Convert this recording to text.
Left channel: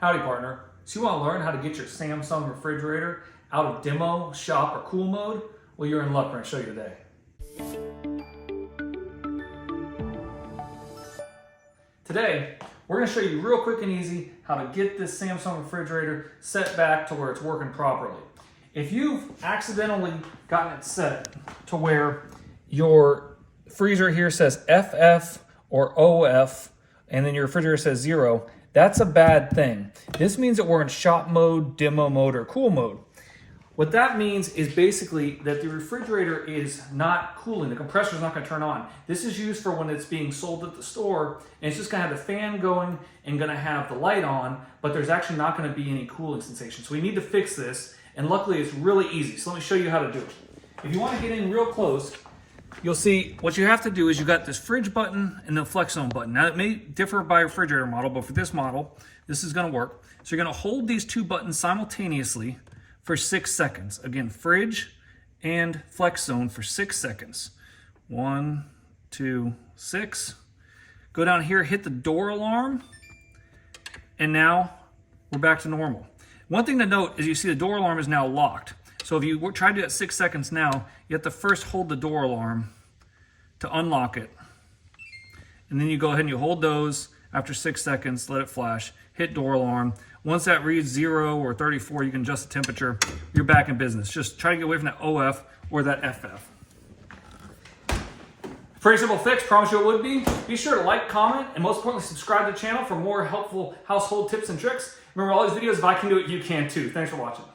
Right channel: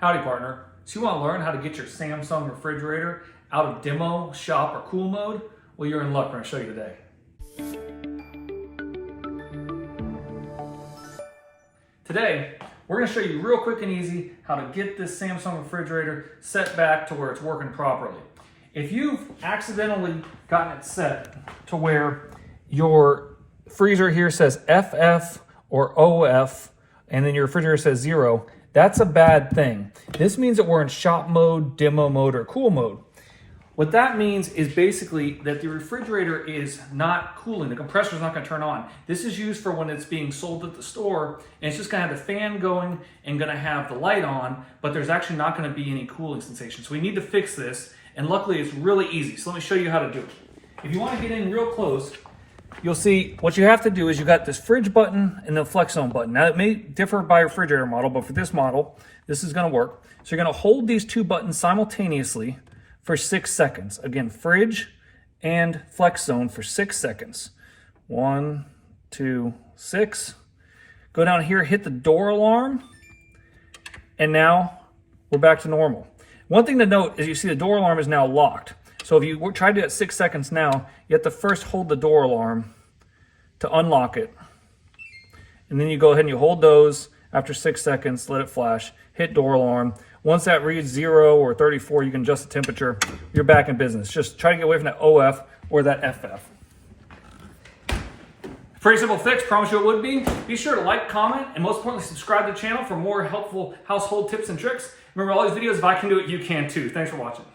Howdy, partner. So you want to learn how to get your Samsung refrigerator out of demo, shop, or cool mode? Well, you're in luck. We're going to show you today. Today, we're going to show you real quick and easy how to get this Samsung refrigerator set back to where it's working properly. If you've accidentally gotten it set to where your freezer here says FF or OF, and then your refrigerator says 0, that's a bad thing. This means that we're in shop mode, demo mode, or cool mode. What that means is basically that the refrigerator is not cooling. The compressor is not going to turn on. This is used for when it's being sold at the store, and it's just going to have the fan going and going to have the light on, but there's actually not going to be any cooling sensation. So we need to fix this, and luckily it's really easy. So let me show you how to do it. If you want to get in real close, you'll see what you have to do is you got this fridge button and the flex zone button. Now it may differ by refrigerator model, but for this model, this is going to work. So you're going to hold these two buttons simultaneously for 6 seconds. Again, fridge and flex zone for 6 seconds. 1, 2, 6. Go down here, hit the door alarm, and now we're back to normal. One thing to note is you see the door alarm is now locked. So if you try to do it 6 seconds now, you have to first hold the door alarm to unlock it. And then you go ahead and you hold those after 6 seconds, let it flash, hit door alarm. Once that reads 0 or 34, you can adjust the temperature. You're back in business. Just try to get away from that OF or that FF. Pretty simple fix, promise you it would be. Be sure to like, comment, and most importantly, subscribe to the channel for more helpful household tips and tricks. Remember, all these videos, if I can do it, you can too. Thanks for watching.